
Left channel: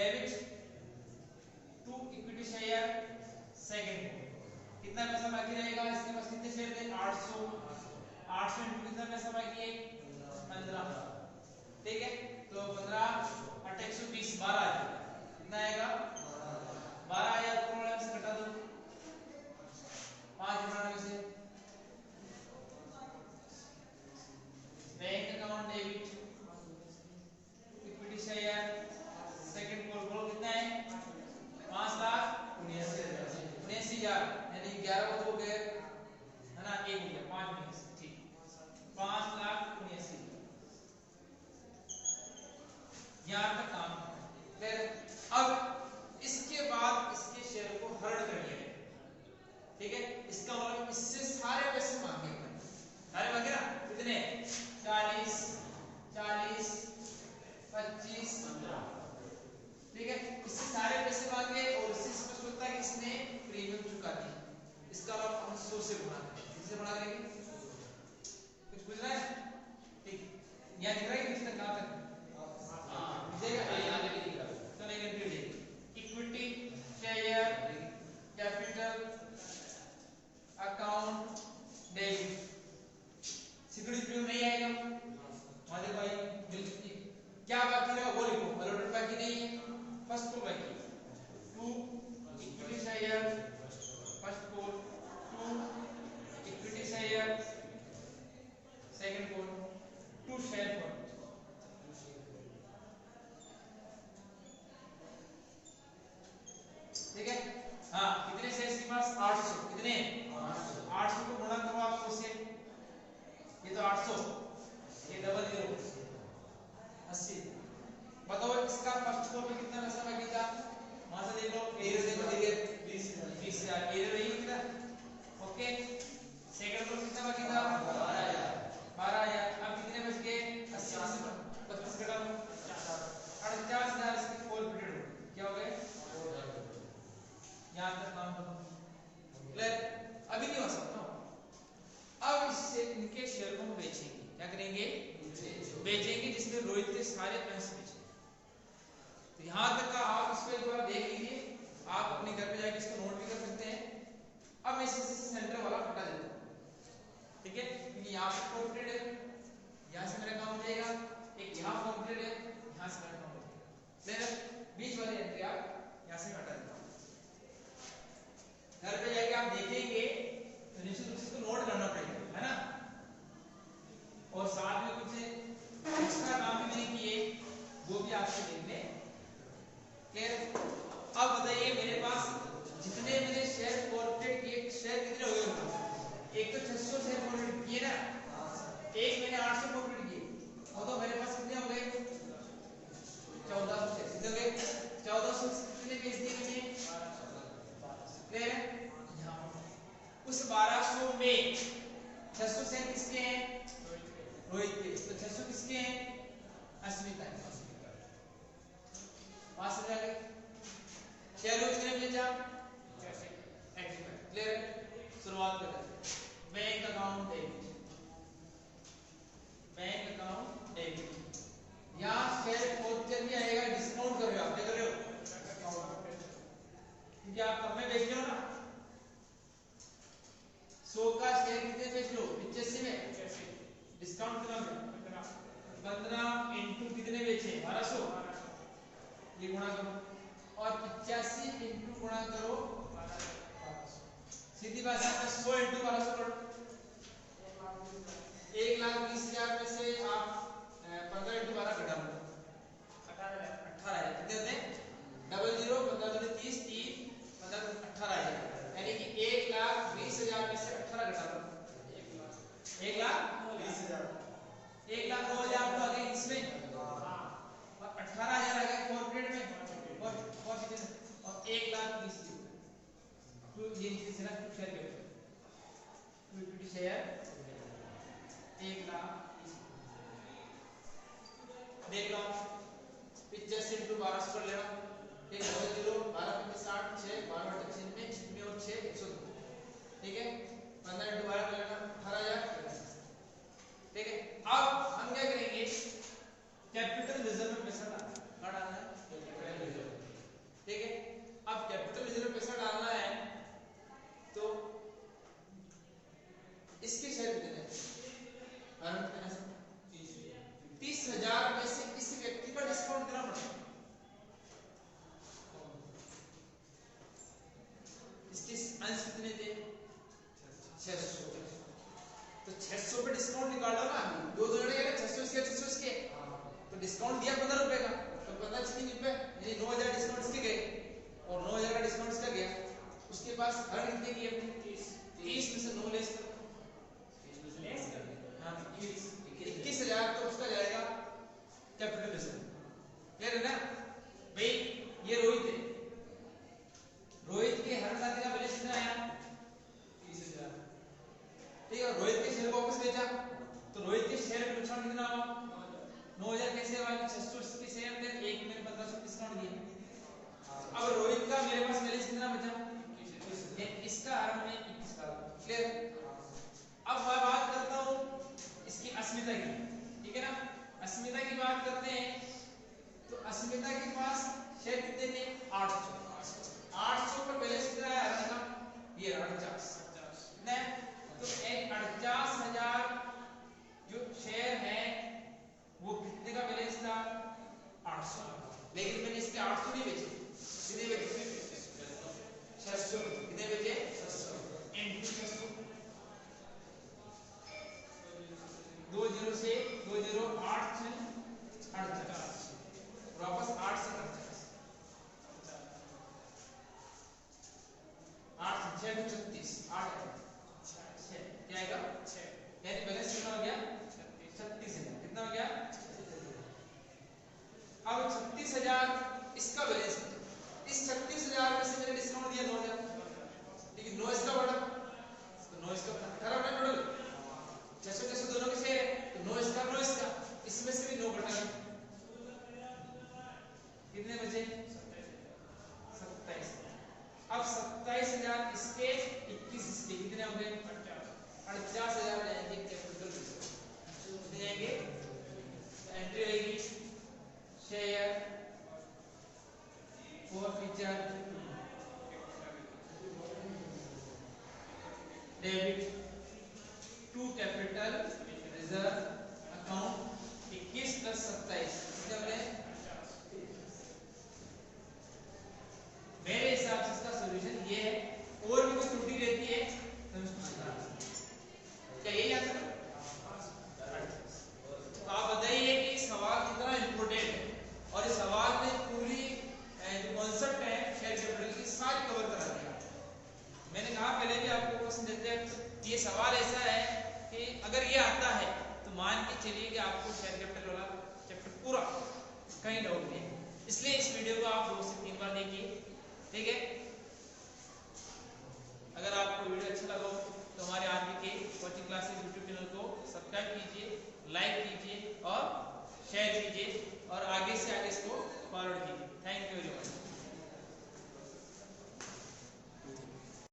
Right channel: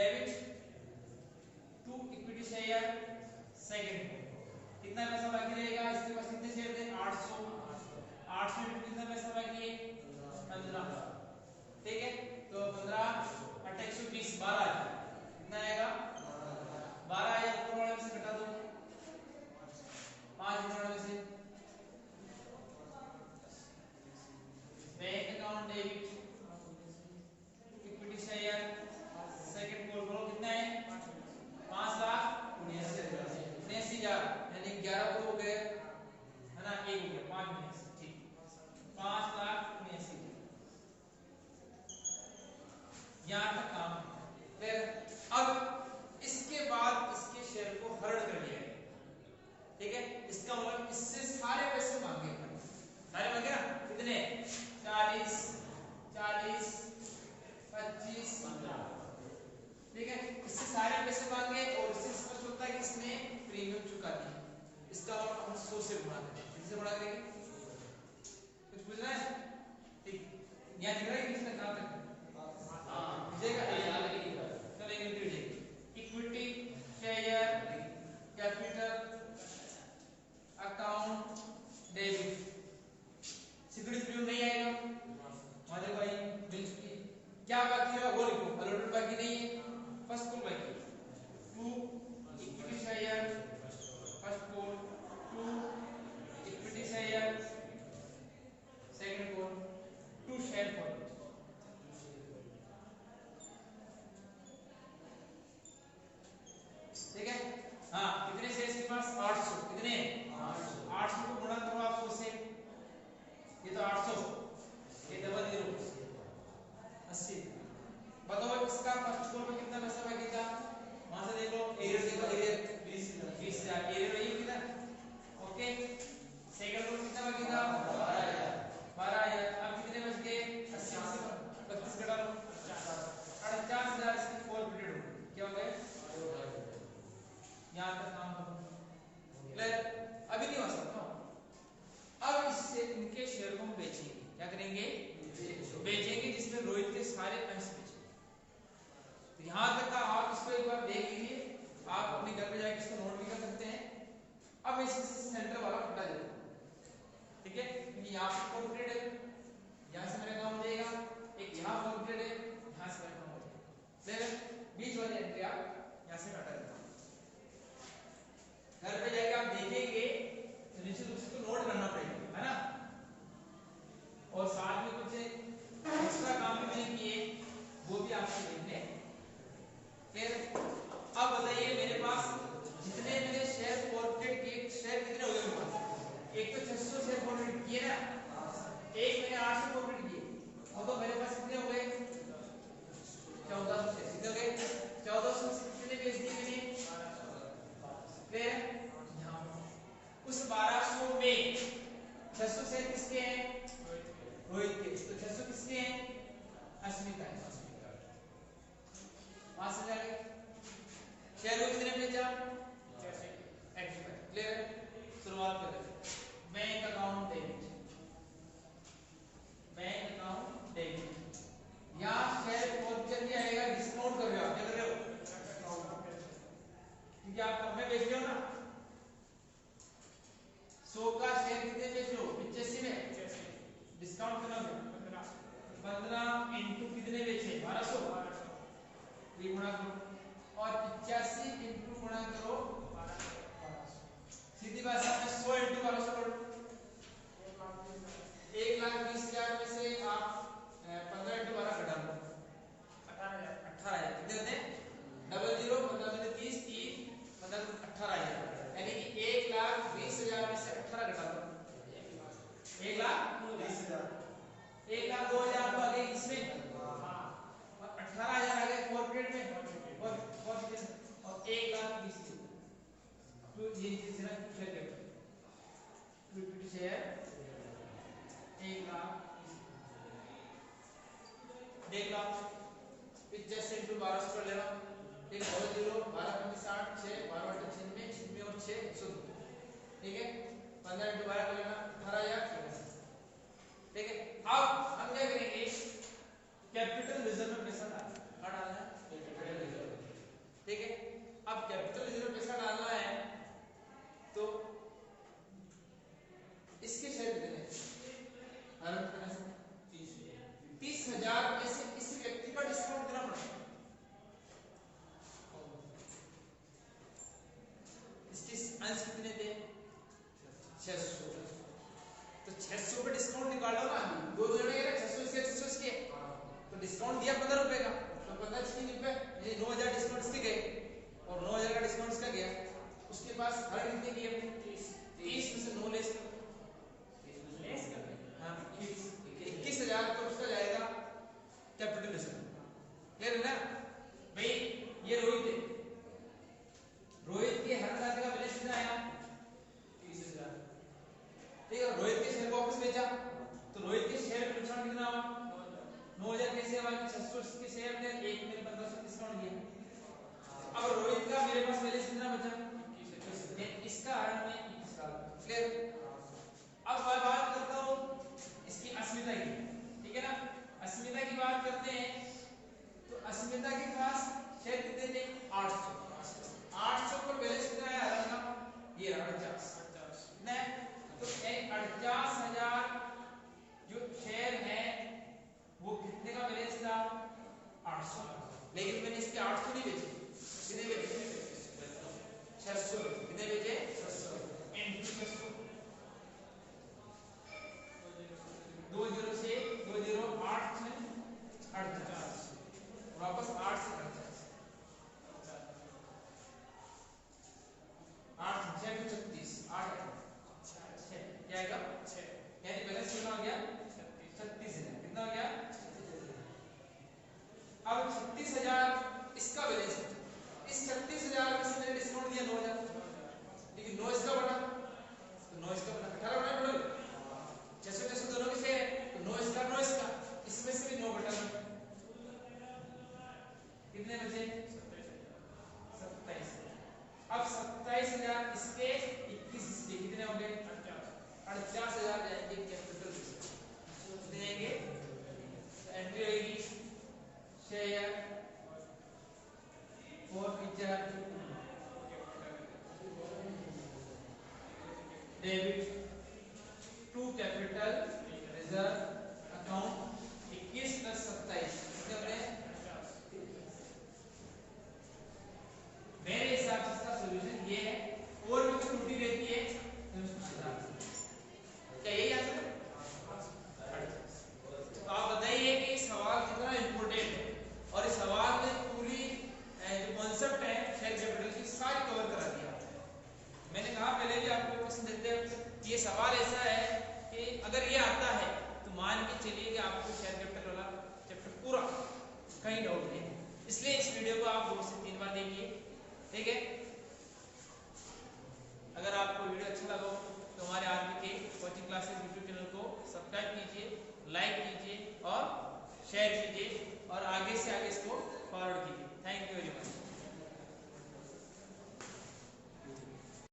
debit to equity share second. कितना पैसा बाकी रहेगा? इसके पास कितने शेयर थे? 800। 800 इंटू कितना पैसा बाकी है? 15। ठीक है, तो 15 8 120 12 आ गया। कितना आएगा? 12 ऊपर वाले में से घटा दो, 5 में से bank account debit equity share second को बोलो कितना है? 5,79,000 यानी 11 हो गए है ना, 1 हो गया 5 में से। ठीक, 5,79,000 यहाँ तक काम क्लियर। अब इसके बाद इसके शेयर को हर्ड कर लिया है, ठीक है। इसका मतलब इससे सारे पैसे मांगे अपन, सारे मांगे ना, कितने? 40 40 25 15, ठीक है। इससे सारे पैसे मांगे और इससे स्पष्ट होता है कि इसने प्रीमियम चुका दिया। इसका मतलब हम 100 से गुणा करें, किससे गुणा करेंगे? कुछ पूछ रहा है? ठीक, यहाँ दिख रहा है कितना कहां तक? Equity share capital account debit security premium नहीं आएगा हमारे भाई। क्या बाकी है वो लिखो, अलॉटेड बाकी नहीं है, फर्स्ट को बाकी टू इक्विटी शेयर फर्स्ट को टू इक्विटी शेयर सेकंड को टू शेयर को, ठीक है। हाँ, कितने शेयर के पास? 800। कितने? 800 को गुणा करो आप 100 से, ये तो 800, ये डबल 0 80। बताओ इसका फर्स्ट कॉल में कितना पैसा बाकी था? वहां से देख लो, एरिया देख लो, एरिया 20,000 एरिया रही है किधर? ओके, सेकंड कॉल कितना बाकी था? 12,000। अब कितने बच गए? 80 में से 25 घटा लो, 48,000 इसकी फॉरफिटेड हो गई। क्या हो गए? यहाँ तक काम खत्म क्लियर। अभी नहीं हो सकता। अब इससे इनके शेयर को हम बेचेंगे। क्या करेंगे? बेचेंगे, जिसमें रोहित के सारे अंश बेचेंगे। तो यहां तक का आप इसको एक बार देख लीजिए, आप अपने घर पे जाके इसको नोट भी कर सकते हैं। अब मैं इसे सेंटर वाला हटा देता हूं, ठीक है, क्योंकि यहाँ से कॉम्प्लीट है, यहाँ से मेरा काम हो जाएगा, एक यहाँ कॉम्प्लीट है, यहाँ से मेरा काम हो जाएगा। बीच वाली एंट्री आप यहाँ से हटा देता हूं। घर पे जाके आप देखेंगे तो निश्चित रूप से नोट करना पड़ेगा, है ना। और साथ में कुछ एक्स्ट्रा काम भी मैंने किए, वो भी आपसे देख लें। फिर अब बताइए, मेरे पास जितने मैंने शेयर फॉरवर्ड किए, शेयर कितने हो गए मेरे पास? एक तो 600 शेयर फॉरवर्ड किए ना, एक मैंने 800 फॉरवर्ड किए, और तो मेरे पास कितने हो गए? 1400 शेयर। कितने हो गए? 1400 कितने बेच दिए मैंने? 1200। उस 1200 में 600 शेयर किसके हैं? रोहित के। तो 600 किसके हैं? अस्मिता के। पास हो जाएगा। शेयर कितने बेचा? क्लियर है। शुरुआत करते हैं। Bank account debit, bank account debit. यहाँ शेयर खोद कर दिया आएगा, डिस्काउंट कर रहे हो आप, क्या कर रहे हो? क्योंकि आप कम में बेच रहे हो ना। 100 का शेयर कितने बेच लो? 85 में। डिस्काउंट कितना हो गया? 15 इंटू कितने बेचे? 1200। ये गुणा करो, और 85 इंटू गुणा करो 1200। सीधी बात है, 100 इंटू 1200 करो, 1,20,000 में से आप 15 इंटू 12 घटा लो, 18,000। कितने होते हैं? डबल 0, 15 दूनी 30, 3 15 18,000, यानी कि 1,20,000 में से 18 घटा लो, 1,20,000। 1,02,000 तो आ गए इसमें, और 18,000 आ गए कॉर्पोरेट में, और 1,20,000। तो ये चीज ना शेयर कैपिटल इक्विटी शेयर 1,20,000 देख लो। 85 इंटू 1200 कर ले रहा हूँ, एक 0 12 में 60 6 12 6 में 6 और 6 102, ठीक है। 15 इंटू 12 कर लेना 18,000, ठीक है। अब हम क्या करेंगे? कैपिटल रिजर्व में पैसा डालना है, डालना है ठीक है। अब कैपिटल रिजर्व में पैसा डालना है तो इसके शेयर कितने हरण करने से 30,000 में से किसी व्यक्ति का डिस्काउंट देना पड़ेगा। इसके अंश कितने थे 600, तो 600 पे डिस्काउंट निकालो ना, दो जने के 600 इसके 600 इसके, तो डिस्काउंट दिया 15 रुपए का, तो 15 छीन रुपए ये 9,000 डिस्काउंट इसके गए और 9,000 का डिस्काउंट इसका गया। उसके पास हर कितने की अपने 30 में से 9 लेस कर, हाँ 21,000 तो उसका जाएगा कैपिटल रिजर्व। क्लियर है ना भाई। ये रोहित है, रोहित के हर खाते का बैलेंस कितना आया 30,000, ठीक है। रोहित के शेयर को वापस बेचा तो रोहित के शेयर में नुकसान कितना हुआ 9,000 कैसे हुआ 600 इसके शेयर थे, एक मैंने 1500 डिस्काउंट दिया। अब रोहित का मेरे पास बैलेंस कितना बचा इसका हरण में 21 का। क्लियर। अब मैं बात करता हूं इसकी अस्मिता की, ठीक है ना। अस्मिता की बात करते हैं तो अस्मिता के पास शेयर कितने थे 800 पर बैलेंस कितना है हरण का ये 49 ने, तो 49,000 जो शेयर है वो कितने का बैलेंस था 800, लेकिन मैंने इसके 800 नहीं बेचे, कितने बेचे 600, कितने बेचे 600 इनटू 600, 20 से 20 8 में 48 वापस 8 से 8 6 में 36 8 क्या आएगा 6, यानी बैलेंस कितना हो गया 36,000, कितना हो गया। अब 36,000 इसका बैलेंस, इस 36,000 में से मैंने डिस्काउंट दिया 9,000, लेकिन 9 इसका बटा तो 9 इसका बटा 18 बटा टोटल 600 दोनों के शेयर तो 9 इसका 9 इसका, इसमें से भी 9 बटा कितने बचे 27। अब 27,000 इसके 21 इसके कितने हो गए 48,000 जाएंगे कैपिटल रिजर्व, कितने जाएंगे एंट्री आएगी share forfeiture debit to capital reserve account 21 + 27 कितने हो गए। मेरे हिसाब से इसका सॉल्यूशन ये है, और भी कुछ त्रुटि रहती है तो इसको सुधार, क्या यही आंसर है। तो आप बताइए कि सवाल कितना इंपॉर्टेंट है और इस सवाल ने पूरी जो कॉन्सेप्ट है शेयर कैपिटल की सारी कवर करा दिया। मैंने कहा पहले भी आपको क्वेश्चन देते हैं, ये सवाल ऐसा है कि अगर ये आता है तो मान के चलिए कि आपको शेयर कैपिटल वाला चैप्टर पूरा कहीं डाउट नहीं, इसलिए इस वीडियो को आप 2 से 3 बार देखिए, ठीक है। अगर आपको वीडियो अच्छा लगा तो हमारे आरबी के कोचिंग क्लासेस यूट्यूब चैनल को सब्सक्राइब कीजिए, लाइक कीजिए और शेयर कीजिए और आगे से आगे इसको फॉरवर्ड कीजिए। Thank you very much.